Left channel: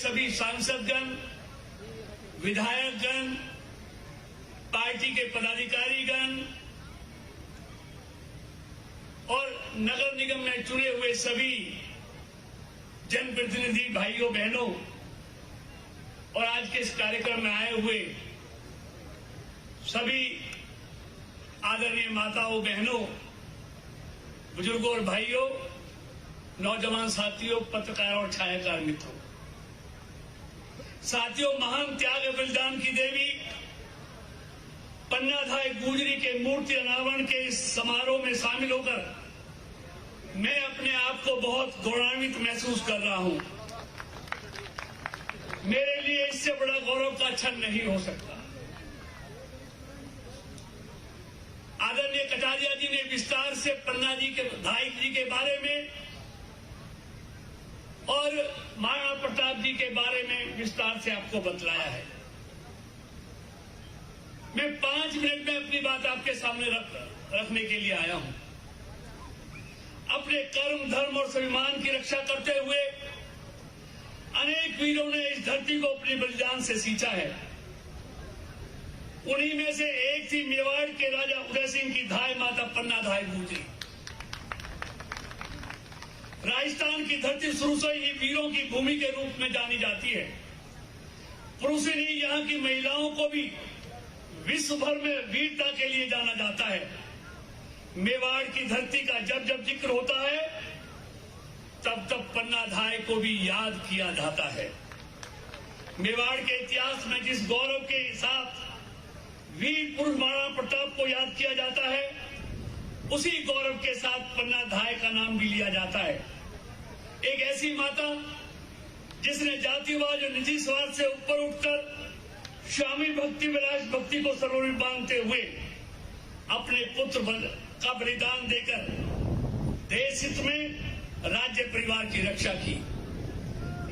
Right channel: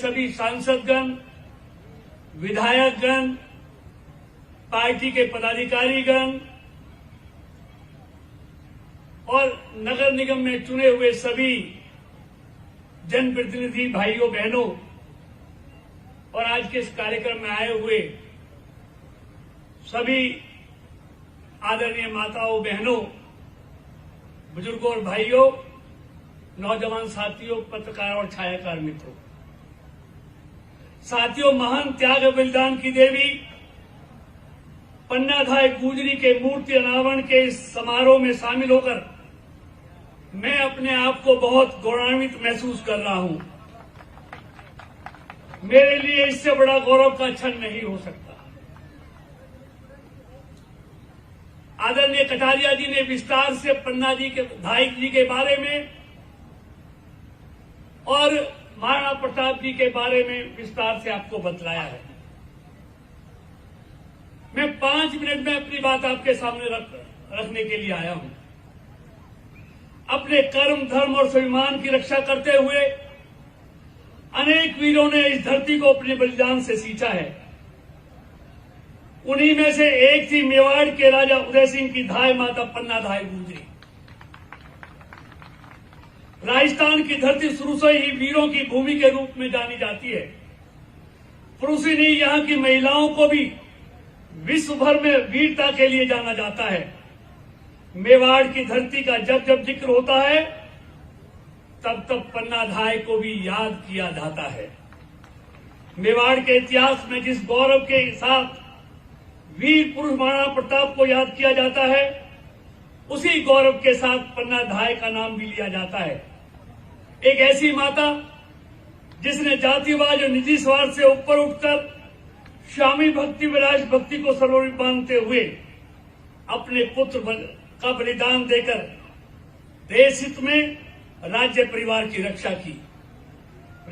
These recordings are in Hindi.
सभी सांसदगण, विधायकगण, पार्टी के पदाधिकारीगण और नगर निगम में चुने हुए सभी जनप्रतिनिधि भाइयों बहनों और आज के इस कार्यक्रम में आए हुए सभी आदरणीय माताओं, बहनों, बुजुर्गों और भाइयों, नौजवान साथियों, पत्रकार और छायाकार मित्रों, साथियों, महान त्याग बलिदान की देवी पन्नाधाय गुजरी के मूर्ति अनावरण के इस समारोह में शामिल होकर मैं अपने आप को बहुत गौरवान्वित महसूस कर रहा हूं। मेरे लिए इससे बड़ा गौरव का क्षण नहीं हो सकता। आदरणीय कटारिया जी ने विस्तार से पन्ना जी के धाई जी के बारे में और महाराणा प्रताप जी के बारे में विस्तार से आपको बतलाया है। मैं 5 मिनट में अपनी बात आपके सामने रखने के लिए आया हूं। अपने कर्म, धर्म और स्वाभिमान की रक्षा करते हुए अनेक वीरों ने इस धरती को अपने बलिदान से सींचा है। उन्हीं में से एक थी मेवाड़ के राजा उदय सिंह की धाय माता पन्नाधाय गुजरी। राजस्थान की धरती शुरू से ही वीरों की भूमि के रूप में जानी जाती है। पुरुष ही नहीं, यहाँ की महिलाओं को भी विश्व भर में वीरता के लिए जाना जाता है। मेवाड़ की धरती का जब जब जिक्र होता है तब तब पन्नाधाय को भी याद किया जाता है। मेवाड़ के इतिहास में जिस गौरव के साथ वीर पुरुष महाराणा प्रताप को याद किया जाता है, उसी गौरव के साथ पन्नाधाय का नाम भी लिया जाता है। एक ऐसी माता जिसने जातिवाद और निजी स्वार्थ से ऊपर उठकर स्वामी भक्ति व राष्ट्र भक्ति को सर्वोपरि मानते हुए अपने पुत्र का बलिदान देकर देश हित में राज्य परिवार की रक्षा की।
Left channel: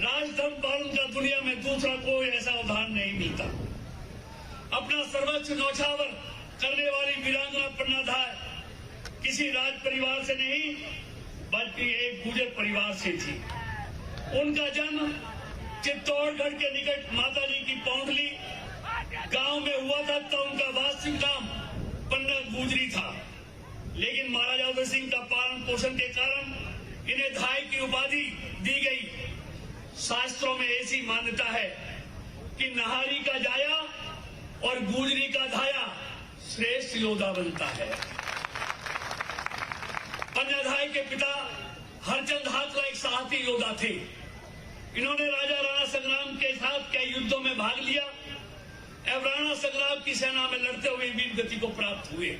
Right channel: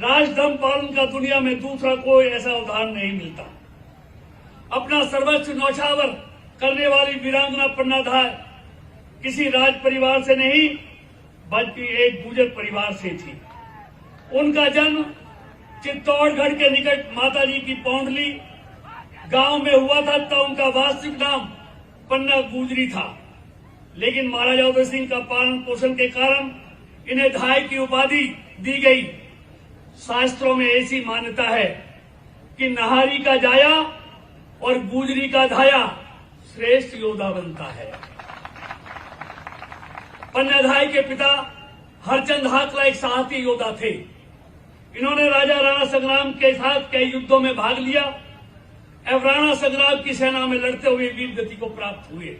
राजधर्म पालन का दुनिया में दूसरा कोई ऐसा उदाहरण नहीं मिलता। अपना सर्वस्व न्यौछावर करने वाली वीरांगना पन्नाधाय किसी राज परिवार से नहीं बल्कि एक गुर्जर परिवार से थी। उनका जन्म चित्तौड़गढ़ के निकट माताजी की पौंडली गांव में हुआ था, तब उनका वास्तविक नाम पन्ना गुजरी था। लेकिन महाराजा उदय सिंह का पालन पोषण के कारण इन्हें धाय की उपाधि दी गई। शास्त्रों में ऐसी मान्यता है कि नाहरी का जाया और गुजरी का धाया श्रेष्ठ योद्धा बनता है। पन्नाधाय के पिता हरचंद हाकला एक साहसी योद्धा थे। इन्होंने राजा राणा संग्राम के साथ कई युद्धों में भाग लिया एवं राणा संग्राम की सेना में लड़ते हुए वीर गति को प्राप्त हुए।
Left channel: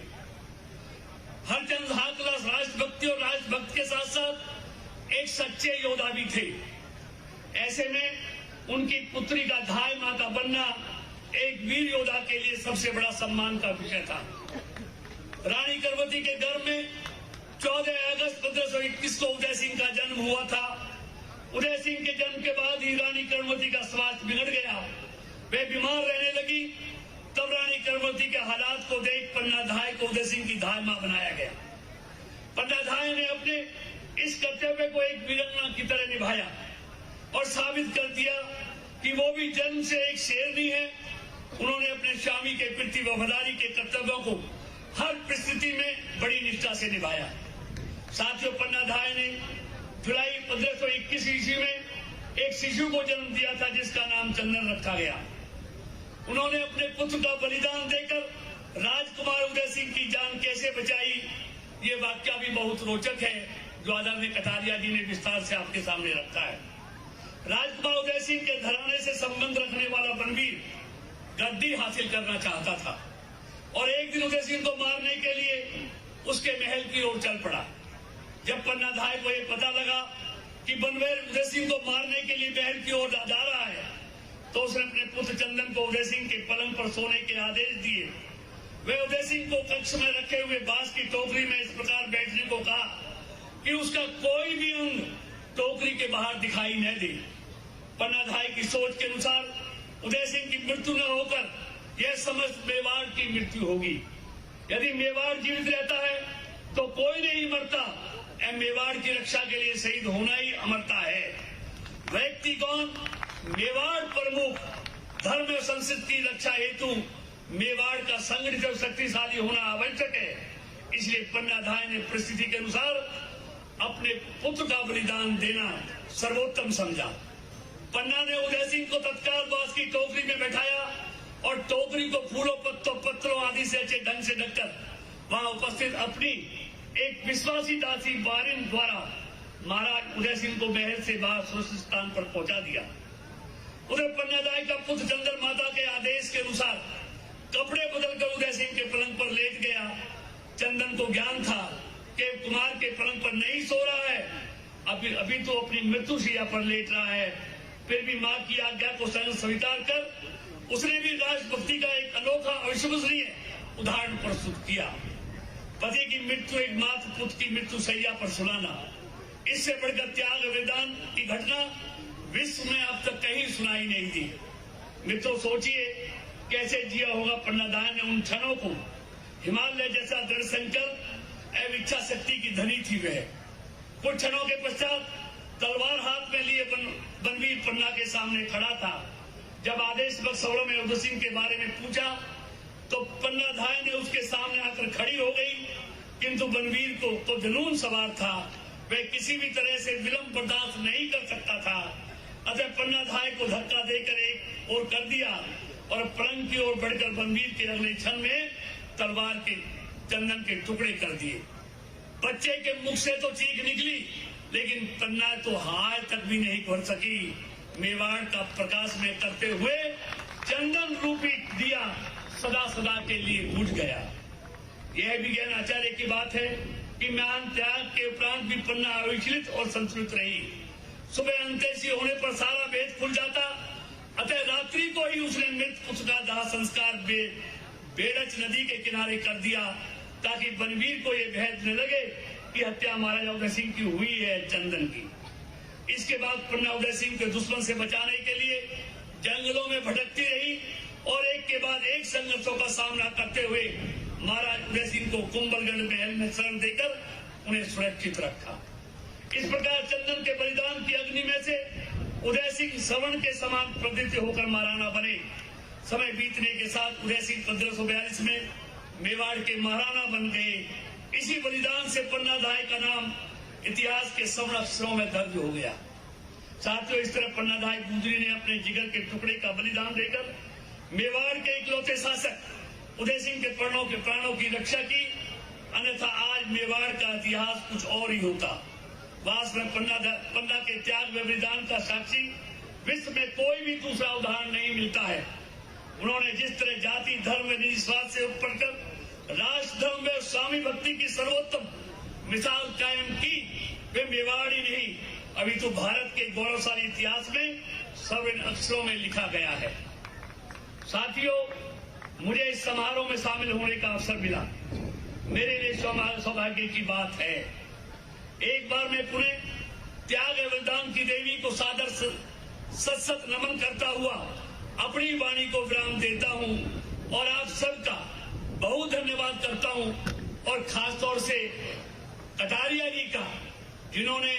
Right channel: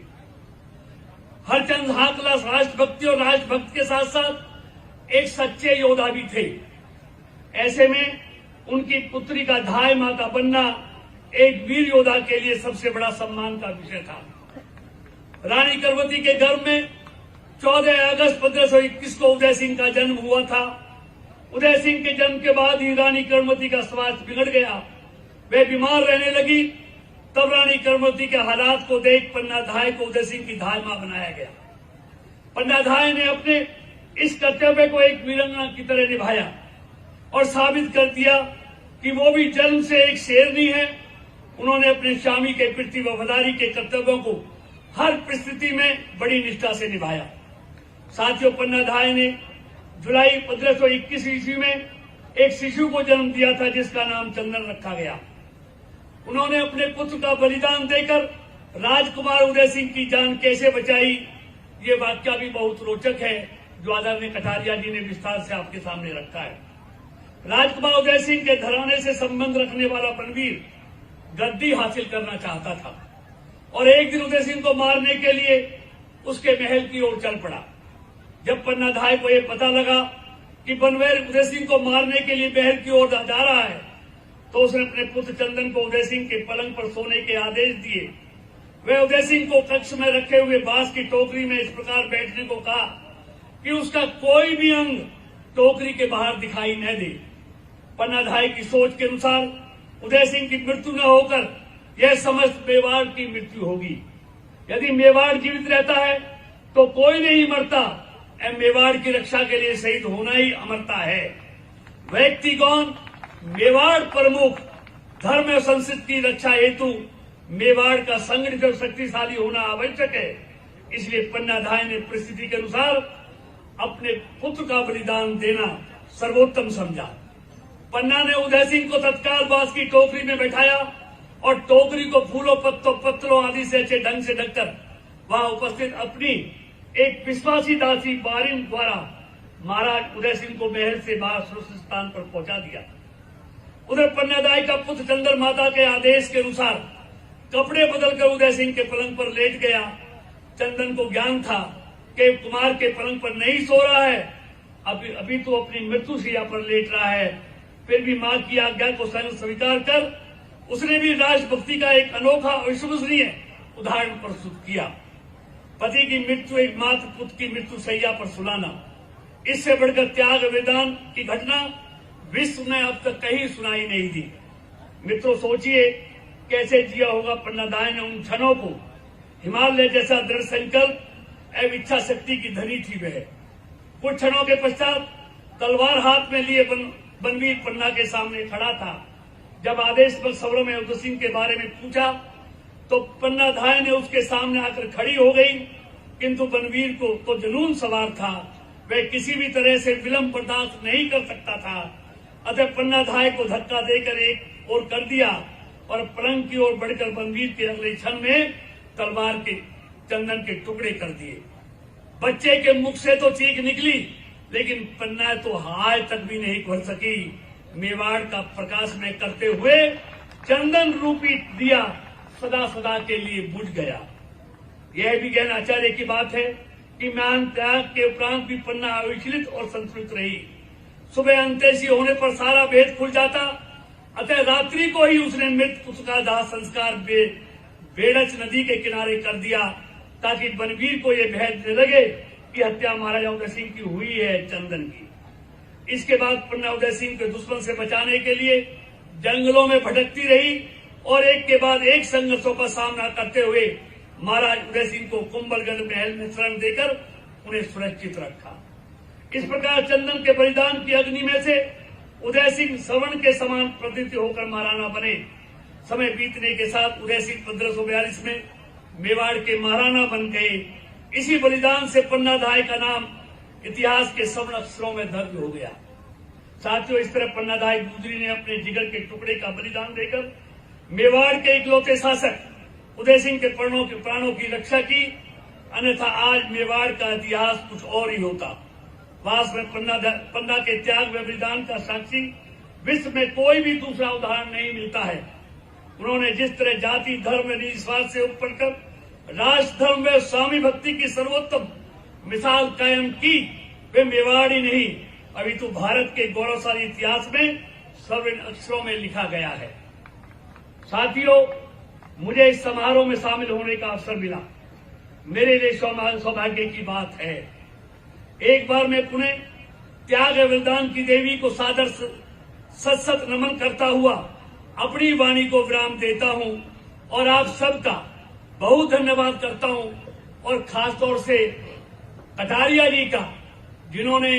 हरचंद हाकला राष्ट्रभक्ति और राष्ट्रभक्त के साथ साथ एक सच्चे योद्धा भी थे। ऐसे में उनकी पुत्री का धाय माता बनना एक वीर योद्धा के लिए सबसे बड़ा सम्मान का विषय था। रानी करवती के गर्भ में 14 अगस्त 1521 को उदय सिंह का जन्म हुआ था। उदय सिंह के जन्म के बाद ही रानी करवती का स्वास्थ्य बिगड़ गया, वे बीमार रहने लगी। तब रानी करवती के हालात को देख पन्नाधाय को उदय सिंह की धाय मां बनाया गया। पन्नाधाय ने अपने इस कर्तव्य को एक वीरांगना की तरह निभाया और साबित कर दिया कि वो भी जन्म से एक शेरनी है। उन्होंने अपने स्वामी के प्रति वफादारी के कर्तव्यों को हर परिस्थिति में बड़ी निष्ठा से निभाया। साथियों, पन्नाधाय ने जुलाई 1521 ईस्वी में एक शिशु को जन्म दिया था जिसका नाम चंदन रखा गया। उन्होंने अपने पुत्र का बलिदान देकर राजकुमार उदय सिंह की जान कैसे बचाई, ये वाक्य भी बहुत रोचक है जो आदरणीय कटारिया जी ने विस्तार से आपके सामने रखा है। राजकुमार उदय सिंह के घराने से संबंध रखने वाला बनवीर गद्दी हासिल करना चाहता था और एक दिन उदय सिंह को मारने के लिए उसके महल की ओर चल पड़ा। जब पन्नाधाय को यह पता लगा कि बनवीर उदय सिंह को मारने के लिए महल की ओर जा रहा है तो उसने अपने पुत्र चंदन को उदय सिंह के पलंग पर सोने के आदेश दिए। वह उदय सिंह को कक्ष में रखे हुए बांस की टोकरी में इस प्रकार बैठने को कहा कि उसका कोई भी अंग टोकरी के बाहर दिखाई न दे। पन्नाधाय की सोच के अनुसार उदय सिंह की मृत्यु न होकर यह समस्त मेवाड़ की मृत्यु होगी। यदि मेवाड़ जीवित रहता है तो कोई नहीं मरता, मेवाड़ की रक्षा के लिए शहीद होना ही अमरता है। व्यक्ति कौन? मेवाड़ प्रमुख धर्म और संस्कृति की रक्षा हेतु मेवाड़ का संगठित और शक्तिशाली होना आवश्यक है। इसलिए पन्ना धाय ने परिस्थिति के अनुसार अपने पुत्र का बलिदान देना सर्वोत्तम समझा। पन्ना ने उदय सिंह को तत्काल बांस की टोकरी में बैठाया और टोकरी को फूलों पत्रों आदि से अच्छे ढंग से ढककर वहां उपस्थित अपनी एक विश्वासी दासी बारिन द्वारा महाराज उदय सिंह को महल से बाहर सुरक्षित स्थान पर पहुंचा दिया। उधर पन्नादाई का पुत्र चंद्र माता के आदेश के अनुसार कपड़े बदलकर उदय सिंह के पलंग पर लेट गया। चंदन को ज्ञान था कि कुमार के पलंग पर नहीं सो रहा है, अभी तो अपनी मृत्युशैया पर लेट रहा है। फिर भी मां की आज्ञा को स्वीकार कर उसने भी राजभक्ति का एक अनोखा अविश्वसनीय उदाहरण प्रस्तुत किया। पति की मृत्यु एक मात्र पुत्र की मृत्यु शैया पर सुनाना, इससे बढ़कर त्याग बलिदान की घटना विश्व में अब तक कहीं सुनाई नहीं दी। मित्रों, सोचिए कैसे जिया होगा पन्नादाय ने उन क्षणों को। हिमालय जैसा दृढ़ संकल्प एवं इच्छा शक्ति की धनी थी वह। कुछ क्षणों के पश्चात तलवार हाथ में लिए बनवीर पन्ना के सामने खड़ा था। जब आदेश पर सवरों में उदय सिंह के बारे में पूछा तो पन्ना धाय ने उसके सामने आकर खड़ी हो गई, किंतु बनवीर को तो जुनून सवार था, वह किसी भी तरह से विलंब बर्दाश्त नहीं कर सकता था। अतः पन्ना धाय को धक्का देकर एक ओर कर दिया और पलंग की ओर बढ़कर बनवीर के अगले क्षण में तलवार के चंदन के टुकड़े कर दिए। बच्चे के मुख से तो चीख निकली, लेकिन पन्ना तो हाय तक भी नहीं कर सकी। मेवाड़ का प्रकाश में करते हुए चंदन रूपी दिया सदा सदा के लिए बुझ गया। यह भी ज्ञान आचार्य की बात है कि मान त्याग के उपरांत भी पन्ना अविचलित और संतुलित रही। सुबह अंत्येष्टि होने पर सारा भेद खुल जाता, अतः रात्रि को ही उसने मृत पुत्र का दाह संस्कार बेड़च नदी के किनारे कर दिया, ताकि बनवीर को यह भेद न लगे कि हत्या महाराजा उदय सिंह की हुई है चंदन की। इसके बाद पन्ना उदय सिंह के दुश्मन से बचाने के लिए जंगलों में भटकती रही और एक के बाद एक संघर्षों का सामना करते हुए महाराज उदय सिंह को कुंभलगढ़ महल में शरण देकर उन्हें सुरक्षित रखा। इस प्रकार चंदन के बलिदान की अग्नि में से उदय सिंह श्रवण के समान प्रतीत होकर महाराणा बने। समय बीतने के साथ उदय सिंह 1542 में मेवाड़ के महाराणा बन गए। इसी बलिदान से पन्ना धाय का नाम इतिहास के स्वर्ण अक्षरों में दर्ज हो गया। साथियों, इस तरह पन्ना धाय गुजरी ने अपने जिगर के टुकड़े का बलिदान देकर मेवाड़ के इकलौते शासक उदय सिंह के प्राणों की रक्षा की, अन्यथा आज मेवाड़ का इतिहास कुछ और ही होता। वास्तव में पन्ना के त्याग व बलिदान का साक्षी विश्व में कोई भी दूसरा उदाहरण नहीं मिलता है। उन्होंने जिस तरह जाति धर्म निस्वार्थ से ऊपर कर राष्ट्र धर्म व स्वामी भक्ति की सर्वोत्तम मिसाल कायम की, वे मेवाड़ ही नहीं अभी तो भारत के गौरवशाली इतिहास में स्वर्ण अक्षरों में लिखा गया है। साथियों, मुझे इस समारोह में शामिल होने का अवसर मिला, मेरे लिए सौभाग्य की बात है। एक बार मैं पुनः त्याग बलिदान की देवी को सादर सत नमन करता हुआ अपनी वाणी को विराम देता हूं और आप सबका बहुत धन्यवाद करता हूं, और खास तौर से कटारिया जी का, जिन्होंने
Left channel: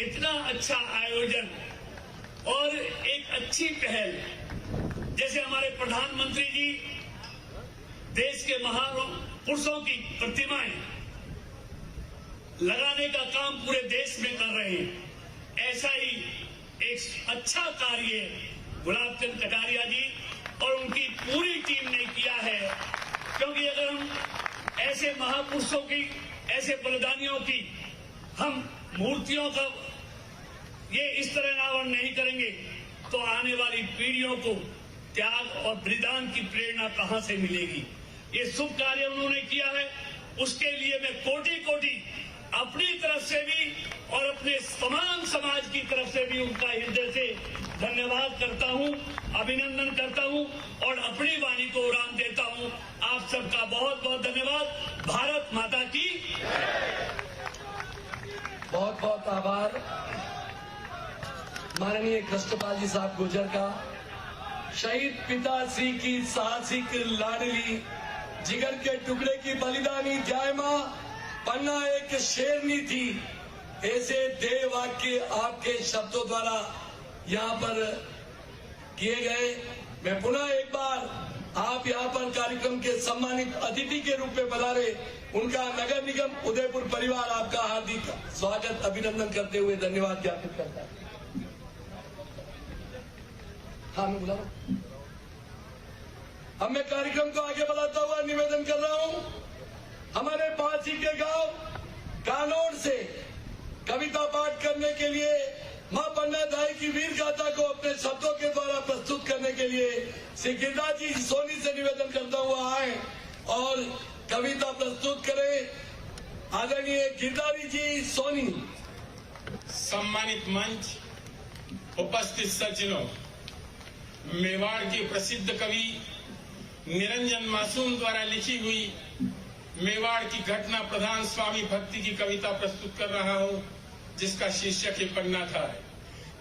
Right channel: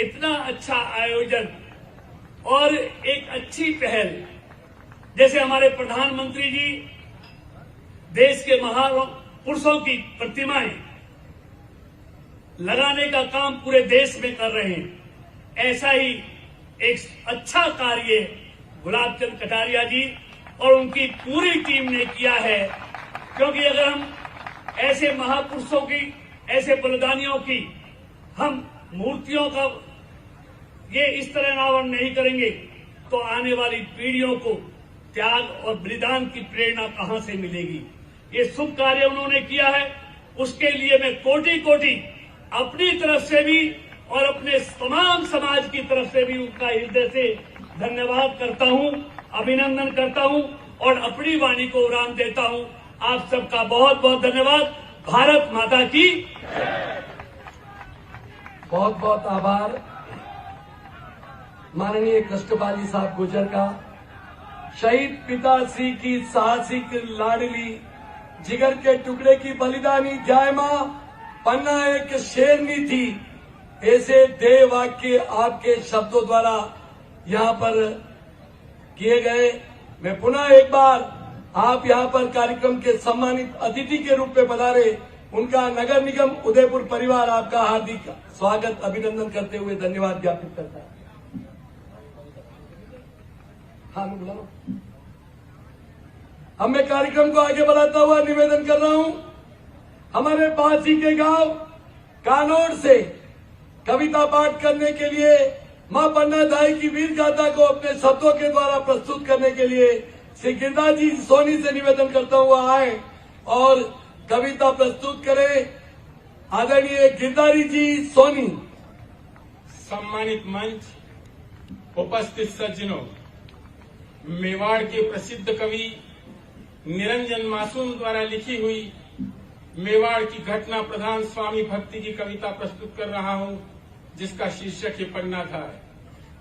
इतना अच्छा आयोजन और एक अच्छी पहल, जैसे हमारे प्रधानमंत्री जी देश के महापुरुषों की प्रतिमाएं लगाने का काम पूरे देश में कर रहे हैं, ऐसा ही एक अच्छा कार्य गुलाब चंद कटारिया जी और उनकी पूरी टीम ने किया है। क्योंकि अगर हम ऐसे महापुरुषों की, ऐसे बलिदानियों की हम मूर्तियों का ये इस तरह अनावरण नहीं करेंगे तो आने वाली पीढ़ियों को त्याग और बलिदान की प्रेरणा कहां से मिलेगी। ये शुभ कार्य उन्होंने किया है, उसके लिए मैं कोटि कोटि अपनी तरफ से भी और अपने तमाम समाज की तरफ से भी उनका हृदय से धन्यवाद करता हूं, अभिनंदन करता हूं और अपनी वाणी को विराम देता हूं। आप सबका बहुत बहुत धन्यवाद। भारत माता की बहुत बहुत आभार माननीय कृष्णपाल जी साहब गुर्जर का। शहीद पिताश्री की साहसिक लाडली जिगर के टुकड़े की बलिदानी जय मां पन्ना एक शेरनी थी, ऐसे देव वाक्य आपके शब्दों द्वारा यहाँ पर किए गए। मैं पुनः एक बार आप यहाँ पर कार्यक्रम के सम्मानित अतिथि के रूप में पधारे उनका नगर निगम उदयपुर परिवार आपका हार्दिक स्वागत अभिनंदन करते हुए धन्यवाद ज्ञापित करता है। हाँ, मैं बुला रहा हूं। अब मैं कार्यक्रम को आगे बढ़ाता हुआ निवेदन कर रहा हूं, हमारे पास ही के गांव कानोड़ से कविता पाठ करने के लिए मां पन्ना दाई की वीर गाथा को अपने शब्दों के द्वारा प्रस्तुत करने के लिए श्री गिरधारी जी सोनी से निवेदन करता हुआ आए और कविता प्रस्तुत करें। आदरणीय गिरधारी जी सोनी। सम्मानित मंच, उपस्थित सज्जनों, मेवाड़ के प्रसिद्ध कवि निरंजन मासूम द्वारा लिखी हुई मेवाड़ की घटना प्रधान स्वामी भक्ति की कविता प्रस्तुत कर रहा हूं, जिसका शीर्षक है पन्ना था।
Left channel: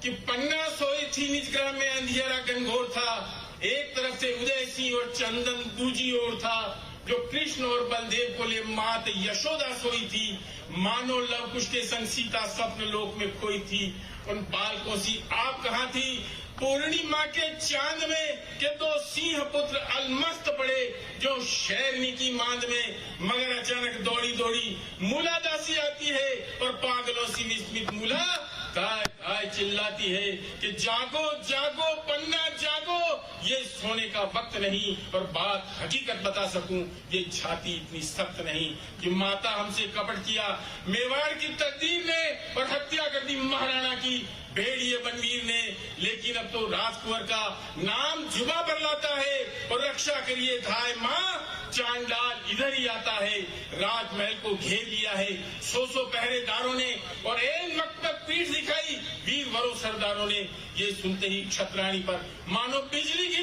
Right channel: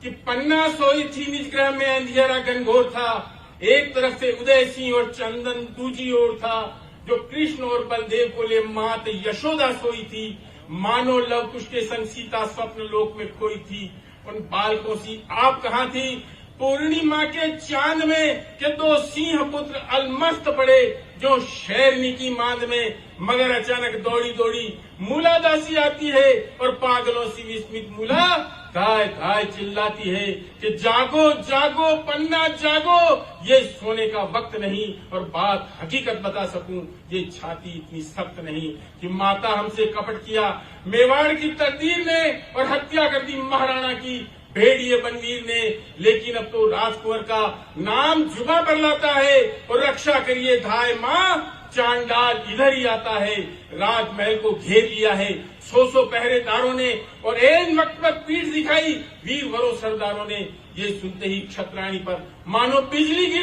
कि पन्ना सोई थी निज ग्रह में, अंधियारा घनघोर था, एक तरफ से उदय सिंह और चंदन दूजी ओर था, जो कृष्ण और बलदेव को ले मात यशोदा सोई थी, मानो लव कुश के संग सीता स्वप्न लोक में खोई थी। उन बालकों सी आप कहाँ थी पूर्णिमा के चांद में, कि दो सिंह पुत्र अलमस्त पड़े जो शेरनी की मांद में, मगर अचानक दौड़ी दौड़ी मूला दासी आती है और पागलों सी विस्मित मूला गाय गाय चिल्लाती है कि जागो जागो पन्ना जागो, ये सोने का वक्त नहीं। और बात हकीकत बता सकूं, ये छाती इतनी सख्त नहीं कि माता हमसे कपट किया मेवाड़ की तकदीर ने और हत्या कर दी महाराणा की भेड़िए बनवीर ने। लेकिन अब तो राजकुंवर का नाम जुबा पर लाता है और रक्षा करिए धाय माँ, चांडाल इधर ही आता है। राजमहल को घेर लिया है 100 पहरेदारों ने और ऐन वक्त पर पीठ दिखाई वीर वरों सरदारों ने। ये सुनते ही क्षत्राणी पर मानो बिजली की